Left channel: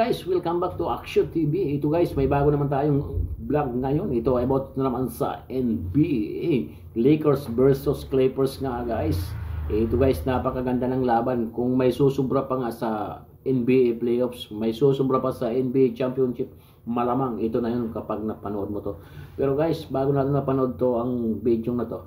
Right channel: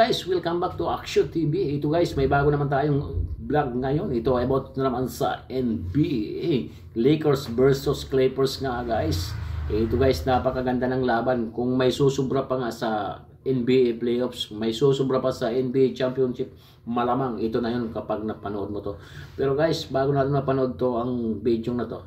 guys? Welcome back to Action TV. Ito guys, may bago naman tayong vlog ngayon. Ito about naman sa NBA. Lakers versus Clippers nga guys. Ito guys, napakaganda ng laban. Kung may susubra pa nga sa NBA playoffs, may susubra pa sa NBA championship, malamang ito na yun kapag napanood mo to. Pero guys, bago natin napanood to ang video na to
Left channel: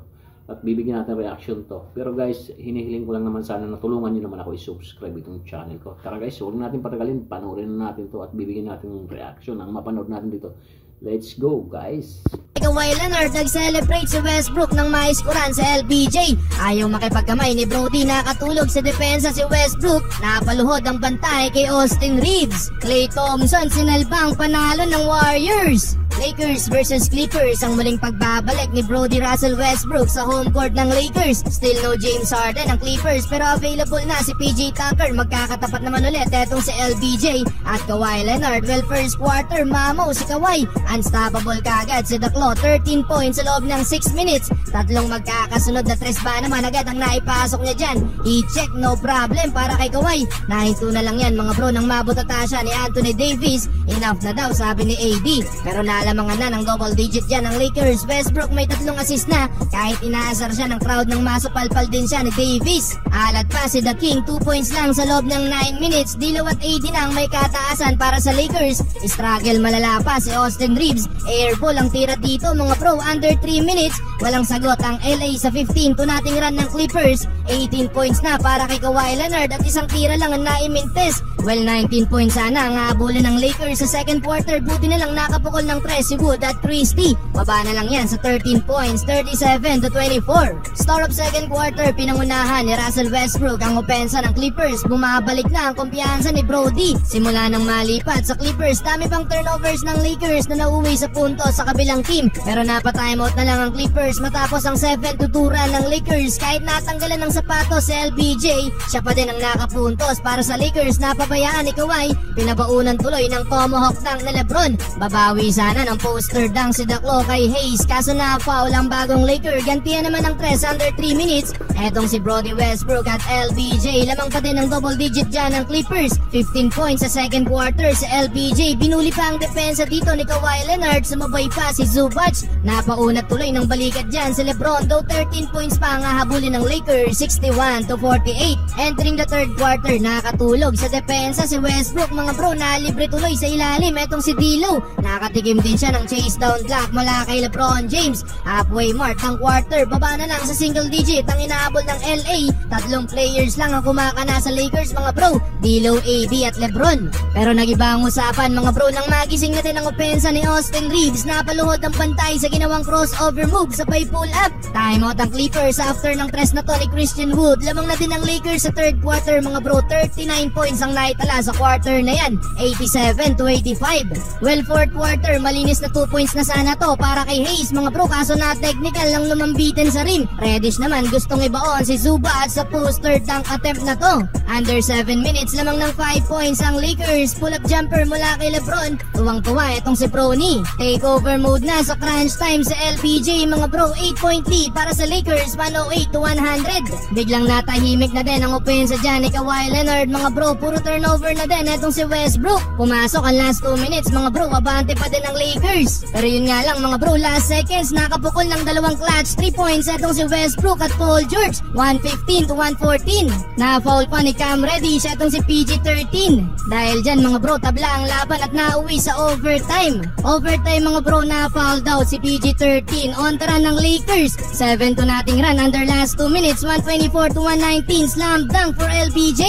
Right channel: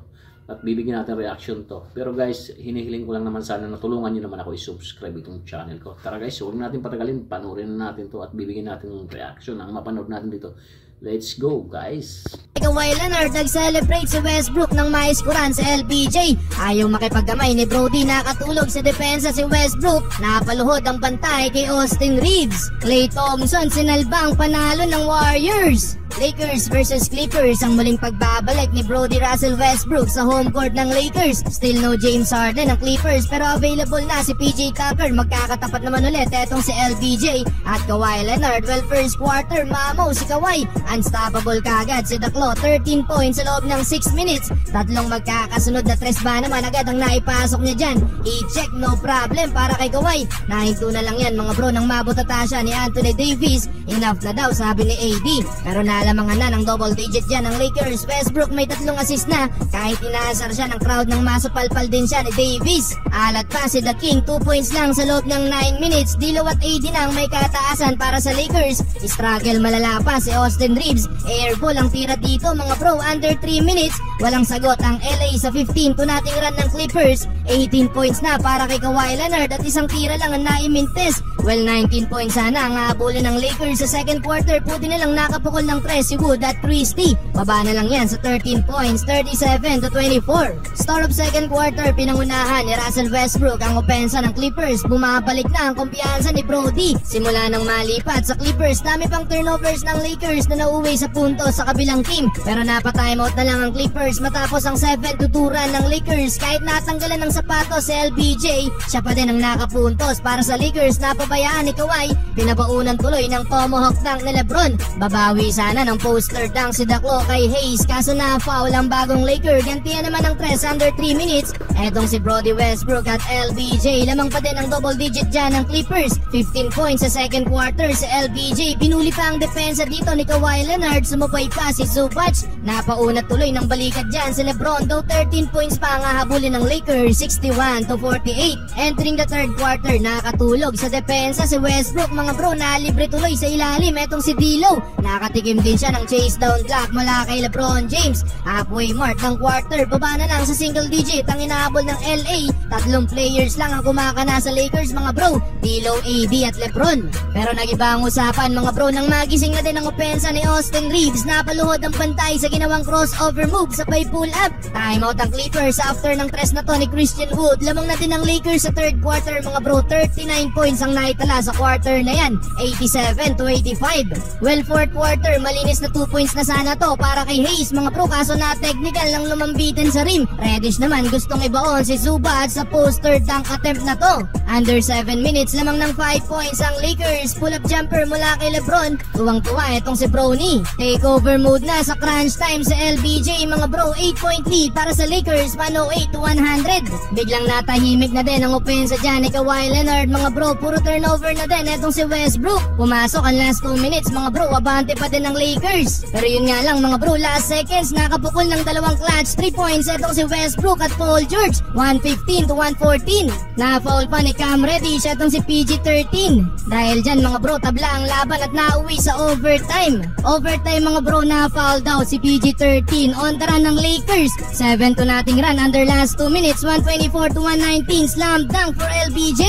at bibigyan natin reaction to. Pero guys, hinihiling ko lang naman sana na tulungan nyo naman ako i-subscribe itong channel ko. Tara guys, huwag natin patagalin, panoorin na natin to at bibigyan natin reaction ang mapanood natin dito. Let's go guys! Kawhi Leonard nag-celebrate si Westbrook ng maiskuran sa LBJ. Ayaw makipagkamay ni Brody, nakatulog sa depensa si Westbrook. Napaluhod ang pantay kay Austin Reeves. Klay Thompson sinalbang panalo ng Warriors. Lakers versus Clippers ang muling pagbabalik ni Brody Russell Westbrook sa home court ng Lakers. Still no James Harden ng Clippers pero available na si PJ Tucker. Magkakatapat naman ulit etong si LBJ at Kawhi Leonard. Well, first quarter mamo si Kawhi. Unstoppable kagad si Daklo. 13 points sa loob ng 6 minutes. Tatlong magkakasunod na tres ba naman agad ang naipasok niya dyan. I-check, no problem para kay Kawhi. Nahinto na lang yan mga bro nang mabot na tasya ni Anthony Davis. Enough na daw sabi ni AD. Pero nalamangan na ng double digit dyan ng Lakers. Westbrook may 3 assist na. Kahit inaasar siya ng crowd ng masupalpal din siya ni Davis. Alat pa si The King. 2 points lang sa loob ng 9 minutes. Dilo at AD nang may kataasan para sa Lakers. Struggle malala pa si Austin Reeves. Airball ang tira dito mga bro, under 3 minutes. Walang sagot ang LA sa 15 to nating run ng Clippers. 18 points na para kay Kawhi Leonard at isang tira lang ang naimintes. Well, 19 points sana ang habulin ng Lakers sa second quarter. Buti na lang nakapukol ng 3 si Wood at Christie. Baba na lang yan sa 13 points, 37 to 24. Start of second quarter, pinangunahan ni Russell Westbrook ang opensa ng Clippers. Bumabalik na ang kumpiyansa ni Brody. Simula nang malipat sa Clippers, dami pang turnovers ng Lakers na nauwi sa punto sa kabilang team. Pero napatimeout na lang ang Clippers matapos ang 7-2 run ng Lakers. Kahit natanggalan ng sapatos sa LBJ, siya pa din ang nakapuntos para sa Lakers. Napabayaan ni Kawhi, pinabaunan tuloy ng tomahawk dunk na Lebron. Babawi sana ng poster dunk si Daklo kay Hayes, kaso na foul ang bagong Laker. Gantihan naman ng 3 under 3 minutes. Etong si Brody Westbrook at LBJ, lamang pa din ang double digit dyan ng Clippers. 15 points sa second quarter sa LBJ. Binuli pa ang depensa dito ni Kawhi Leonard. Sumabay pa si Zubac. Napaunat tuloy ng balikat dyan si Lebron. Though 13 points pa ang hahabulin ng Lakers, 61 to 48. Entering the third quarter, nakatulog sa depensa si Westbrook. Mga bro, nalibre tuloy sa ilalim. Etong si D'Lo, nakatikim din siya ng chase down block mula kay LeBron James. Halfway mark ng quarter, baba na lang sa single digit ang inahabol ng LA. 3 players lang ang kumakana sa Lakers mga bro, D'Lo, AD at LeBron. Pero nagiba ang usapan mga bro nang magising na din ang opensa ni Austin Reeves. Napaluhod ang pantay sa ginawang crossover move sa pay pull up. Timeout ang Clippers after ng tres na to ni Christian Wood. Lamang na din ang Lakers sa third quarter mga bro. 39 points ang naitala sa quarter na yan, 87 to 85. Well, fourth quarter, malinis na 2 points na sana to para kay Hayes mga bro, kaso na technical lang lumambitin sa rim. Reddish naman gustong ibaon si Zubac sa poster dunk attempt na to. Under 7 minutes lamang ng 5 points ang Lakers. Pull up jumper mula kay Lebron. Tuwang-tuwa itong si Prony. Takeover mode na sa crunch time sa LBJ mga bro. 8-point lead para sa Lakers, 108 to 100. Biglang natahimik na din ang opensa dyan ni Kawhi Leonard mga bro. Puro turnover na din itong si Westbrook. Pumasok ang last 2 minutes mga bro. Apante pa din ng Lakers. Pero yun nga lang mga bro, last seconds nakabukol ng 2 clutch 3 points itong si Westbrook at Paul George. 115 to 114. Na-foul pa ni Cam Reddish itong si PG-13. Dahil dyan mga bro, tabla ang laban at nauwi sa overtime. Overtime mga bro, na-foul daw si PG-13 on the run ng Lakers. 7 to nating run under last 2 minutes, 124 to 119. Slam dunk for LBJ.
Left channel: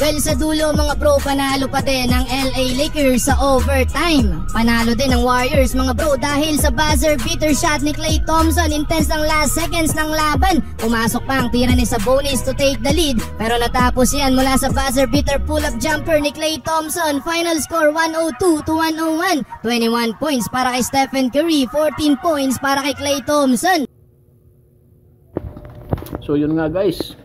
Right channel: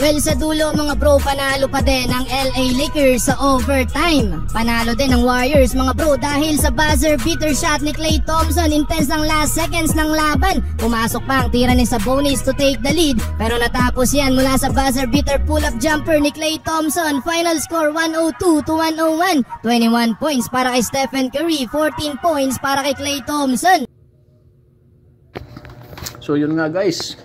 Well, sa dulo mga bro, panalo pa din ang LA Lakers sa overtime. Panalo din ang Warriors mga bro dahil sa buzzer beater shot ni Klay Thompson. Intense ang last seconds ng laban. Pumasok pa ang tira ni Sabonis to take the lead. Pero natapos yan mula sa buzzer beater pull-up jumper ni Klay Thompson. Final score 102 to 101. 21 points para kay Stephen Curry, 14 points para kay Klay Thompson. So yun nga guys,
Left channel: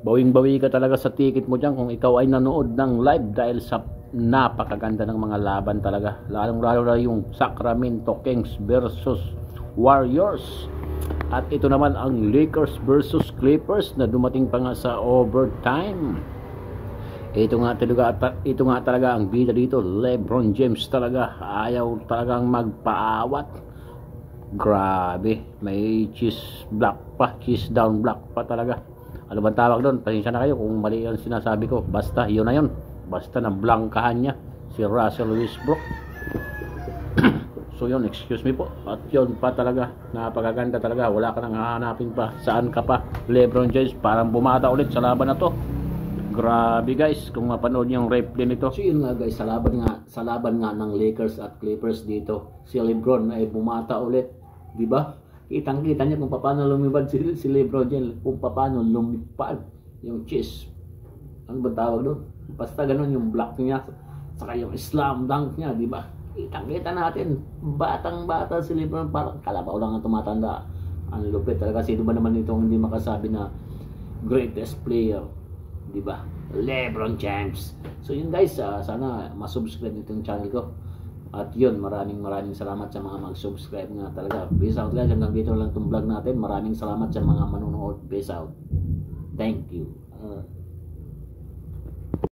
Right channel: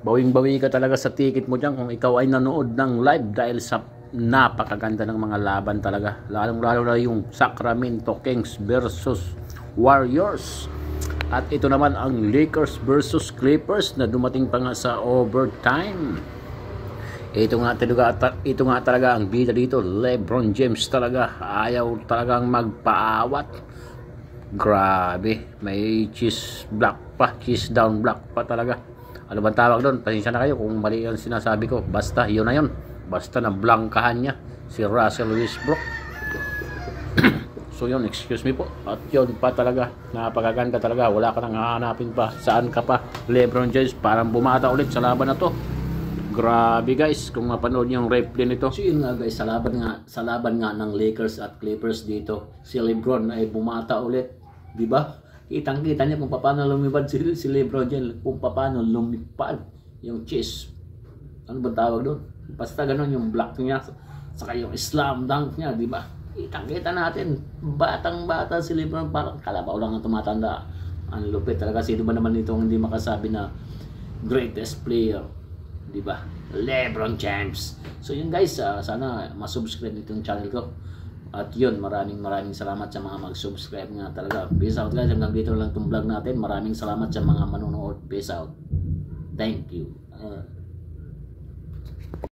bawing-bawi ka talaga sa ticket mo dyan kung ikaw ay nanood ng live dahil sa napakaganda ng mga laban talaga. Lalong-lalo na yung Sacramento Kings versus Warriors. At ito naman ang Lakers versus Clippers na dumating pa nga sa overtime. Ito nga talaga ang bida dito. LeBron James talaga ayaw talagang magpaawat. Grabe, may cheese block pa, cheese down block pa talaga. Ano bang tawag doon? Pasensya na kayo kung mali ang sinasabi ko. Basta yun na yun. Basta na blangkahan niya si Russell Westbrook. So yun, excuse me po. At yun pa talaga, napakaganda talaga. Wala ka nang hahanapin pa. Saan ka pa? LeBron James parang bumata ulit sa laban na to. Grabe guys, kung mapanood yung replay nito. So yun nga guys, sa laban nga ng Lakers at Clippers dito, si LeBron ay bumata ulit, di ba? Kitang-kita niya kung paano lumipad si LeBron James, kung paano lumipad yung chest. Ano ba tawag doon? Basta ganun yung block niya, saka yung slam dunk niya, di ba? Kitang-kita natin, batang-bata si LeBron, parang kalabaw lang ang tumatanda. Ang lupit talaga, sino ba naman ito hindi makasabi na greatest player, di ba? LeBron James. So yun guys, sana masubscribe nitong channel ko. At yun, maraming salamat sa mga mag-subscribe nga talaga. Peace out guys, hanggang dito lang itong vlog natin. Maraming salamat sa mga manonood. Peace out. Thank you.